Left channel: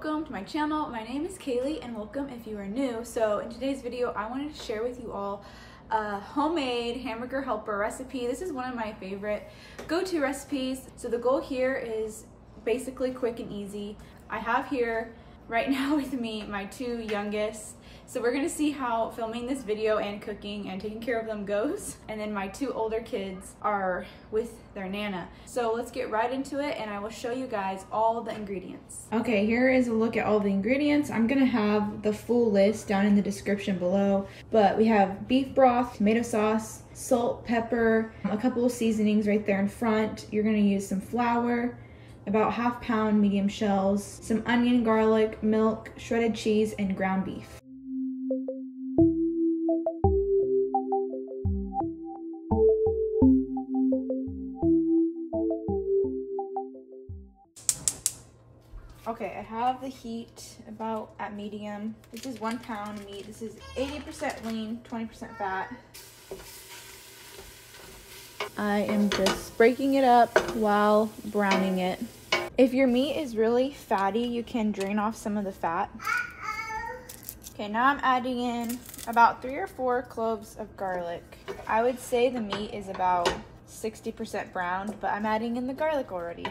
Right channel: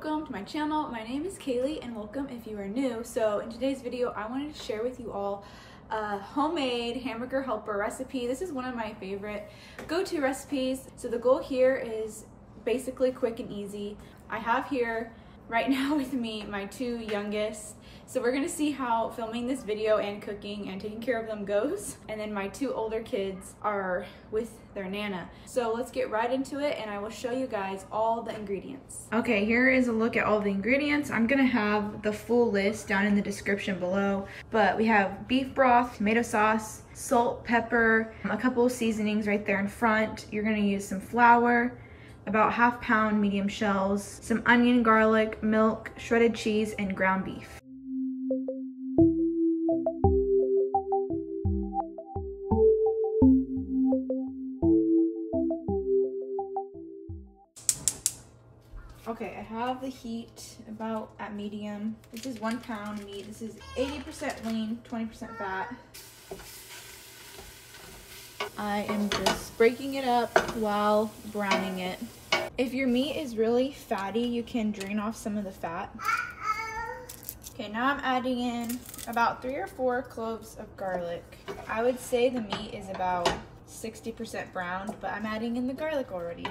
welcome to my channel. My name is Kaylee and welcome if you are new. So in today's video, I wanted to share with you all a homemade Hamburger Helper recipe. This is one of my favorite go-to recipes. So the goal here is basically quick and easy. I have here right now with me my two youngest. So we're gonna see how filming this video and cooking and taking care of them goes. And then my two older kids are with their Nana. So let's get right into it and I will show you guys all the ingredients. Okay, here is a look at all the ingredients. I'm gonna have the full list down in the description below. But we have beef broth, tomato sauce, salt, pepper, a couple of seasonings right there in front. You're gonna use some flour, about ½ pound medium shells, some onion, garlic, milk, shredded cheese, and ground beef. Okay, I have the heat about at medium. This is 1 pound meat. This is 80% lean, 20% fat. I am just breaking it up while browning it. If your meat is really fatty, you can drain off some of the fat. Okay, now I'm adding in about 3 or 4 cloves of garlic. I would say the meat is about 60% browned, but I'm adding in the garlic already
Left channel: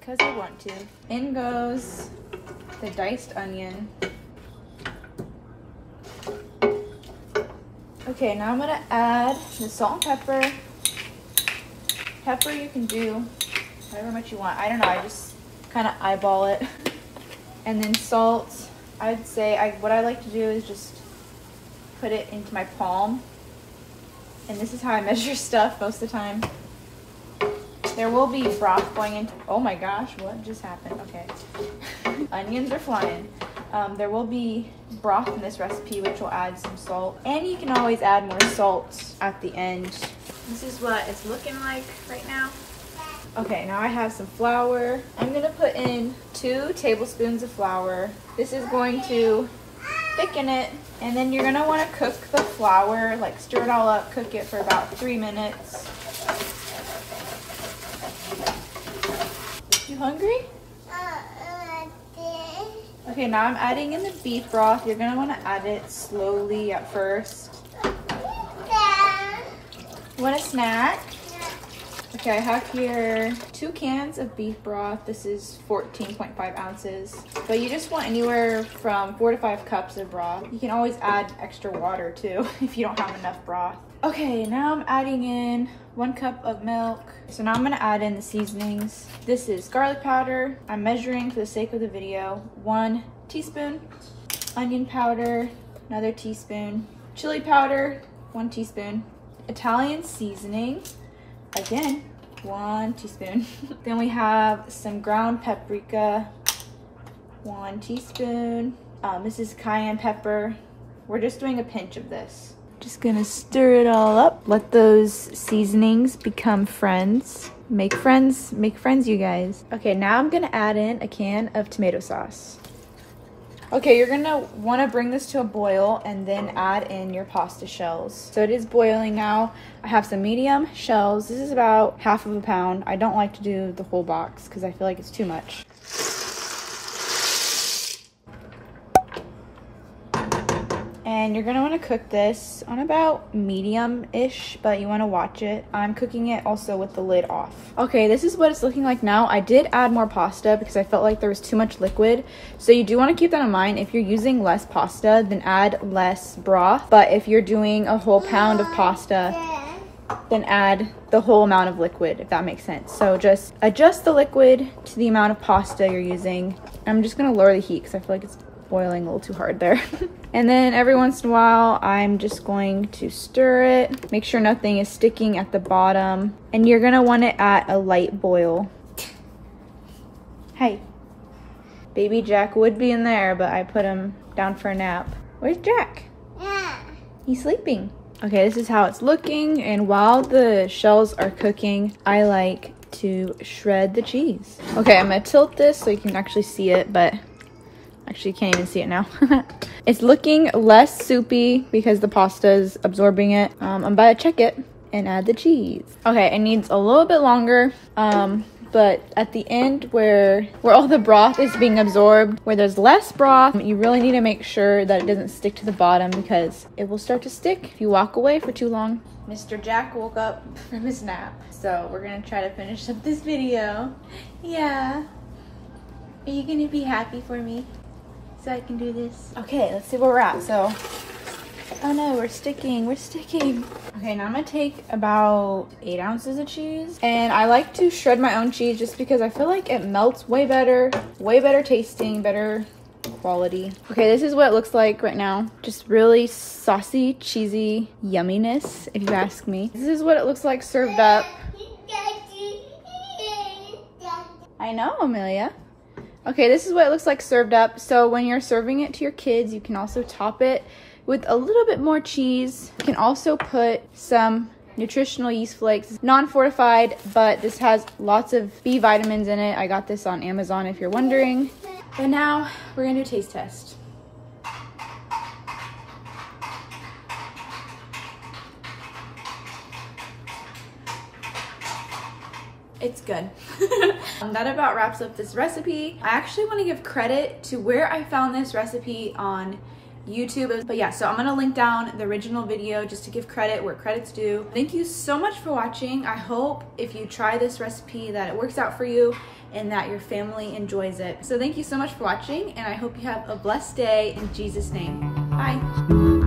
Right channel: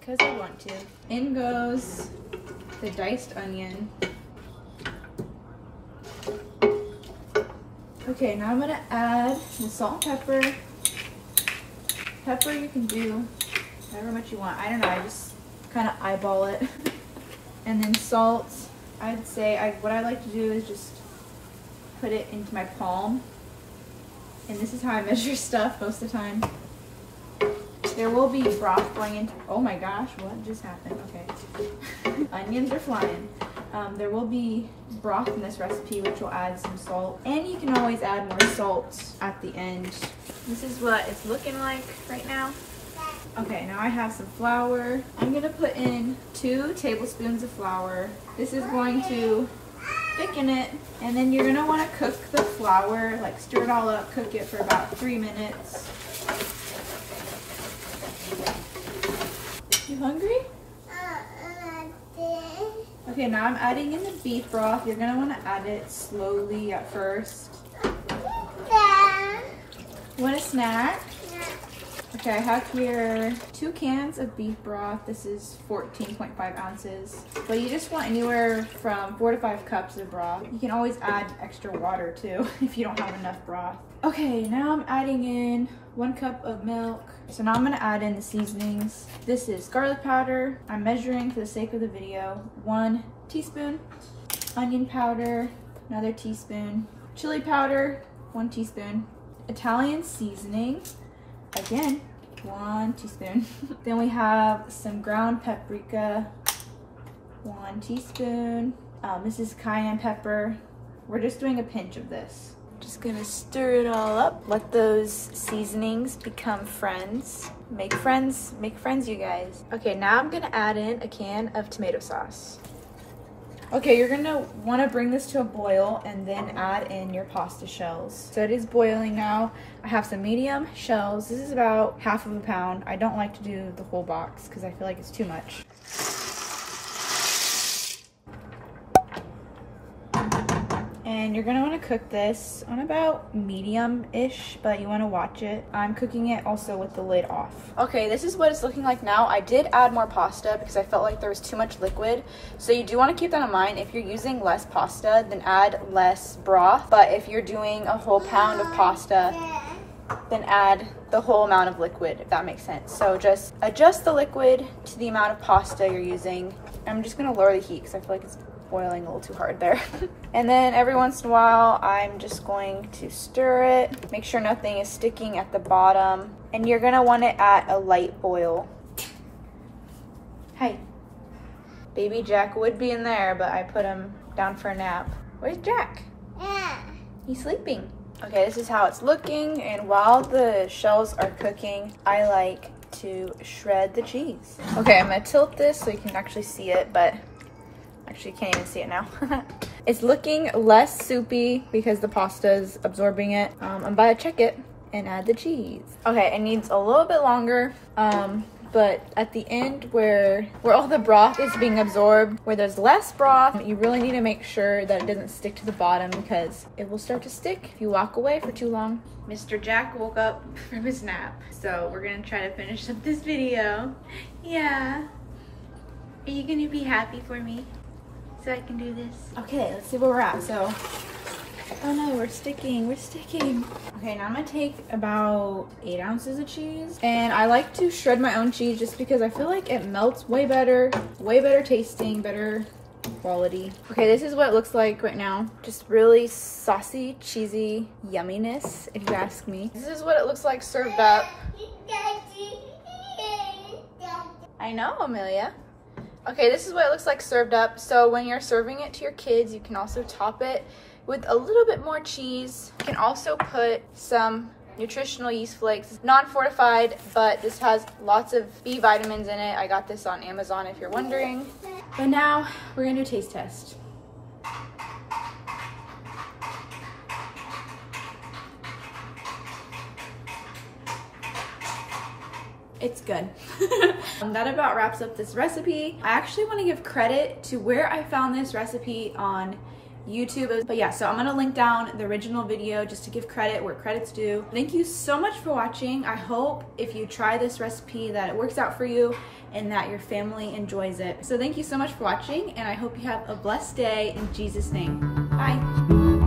because I want to. In goes the diced onion. Okay, now I'm gonna add the salt and pepper. Pepper you can do however much you want. I don't know, I just kind of eyeball it. And then salt, I'd say what I like to do is just put it into my palm. And this is how I measure stuff most of the time. There will be broth going into, oh my gosh, what just happened? Okay. Onions are flying. There will be broth in this recipe, which will add some salt. And you can always add more salt at the end. This is what it's looking like right now. Okay, now I have some flour. I'm gonna put in 2 tablespoons of flour. This is going to thicken it. And then you're gonna wanna cook the flour, like stir it all up, cook it for about 3 minutes. You hungry? Okay, now I'm adding in the beef broth. You're gonna wanna add it slowly at first. You want a snack? Okay, I have here 2 cans of beef broth. This is 14.5 ounces. But you just want anywhere from 4 to 5 cups of broth. You can always add extra water too if you don't have enough broth. Okay, now I'm adding in 1 cup of milk. So now I'm gonna add in the seasonings. This is garlic powder. I'm measuring for the sake of the video. 1 teaspoon. Onion powder, another teaspoon. Chili powder, 1 teaspoon. Italian seasoning, again, 1 teaspoon. Then we have some ground paprika, 1 teaspoon. This is cayenne pepper. We're just doing a pinch of this. Just gonna stir it all up. Let those seasonings become friends. Make friends, you guys. Okay, now I'm gonna add in a can of tomato sauce. Okay, you're gonna wanna bring this to a boil and then add in your pasta shells. So it is boiling now. I have some medium shells. This is about ½ pound. I don't like to do the whole box because I feel like it's too much. And you're gonna wanna cook this on about medium-ish, but you wanna watch it. I'm cooking it also with the lid off. Okay, this is what it's looking like now. I did add more pasta because I felt like there was too much liquid. So you do wanna keep that in mind. If you're using less pasta, then add less broth. But if you're doing a whole pound of pasta, then add the whole amount of liquid, if that makes sense. So just adjust the liquid to the amount of pasta you're using. I'm just gonna lower the heat because I feel like it's boiling a little too hard there. And then every once in a while, I'm just going to stir it. Make sure nothing is sticking at the bottom. And you're gonna want it at a light boil. Hey. Baby Jack would be in there, but I put him down for a nap. Where's Jack? Yeah. He's sleeping. Okay, this is how it's looking. And while the shells are cooking, I like to shred the cheese. Okay, I'm gonna tilt this so you can actually see it, but actually you can't even see it now. It's looking less soupy because the pasta is absorbing it. I'm about to check it and add the cheese. Okay, it needs a little bit longer. but at the end where all the broth is being absorbed, where there's less broth, you really need to make sure that it doesn't stick to the bottom because it will start to stick if you walk away for too long. Mr. Jack woke up from his nap, so we're gonna try to finish up this video. Yeah. Are you gonna be happy for me so I can do this? Okay, let's see where we're at. So, oh no, we're sticking. Okay, now I'm gonna take about 8 ounces of cheese. And I like to shred my own cheese just because I feel like it melts way better tasting, better quality. Okay, this is what it looks like right now. Just really saucy, cheesy yumminess, if you ask me. This is what it looks like served up. I know, Amelia. Okay, this is what it looks like served up. So when you're serving it to your kids, you can also top it with a little bit more cheese. You can also put some nutritional yeast flakes, non-fortified, but this has lots of B vitamins in it. I got this on Amazon if you're wondering. But now we're gonna do a taste test. It's good. That about wraps up this recipe. I actually want to give credit to where I found this recipe on YouTube. But yeah, so I'm gonna link down the original video just to give credit where credit's due. Thank you so much for watching. I hope if you try this recipe that it works out for you and that your family enjoys it. So thank you so much for watching, and I hope you have a blessed day in Jesus' name. Bye.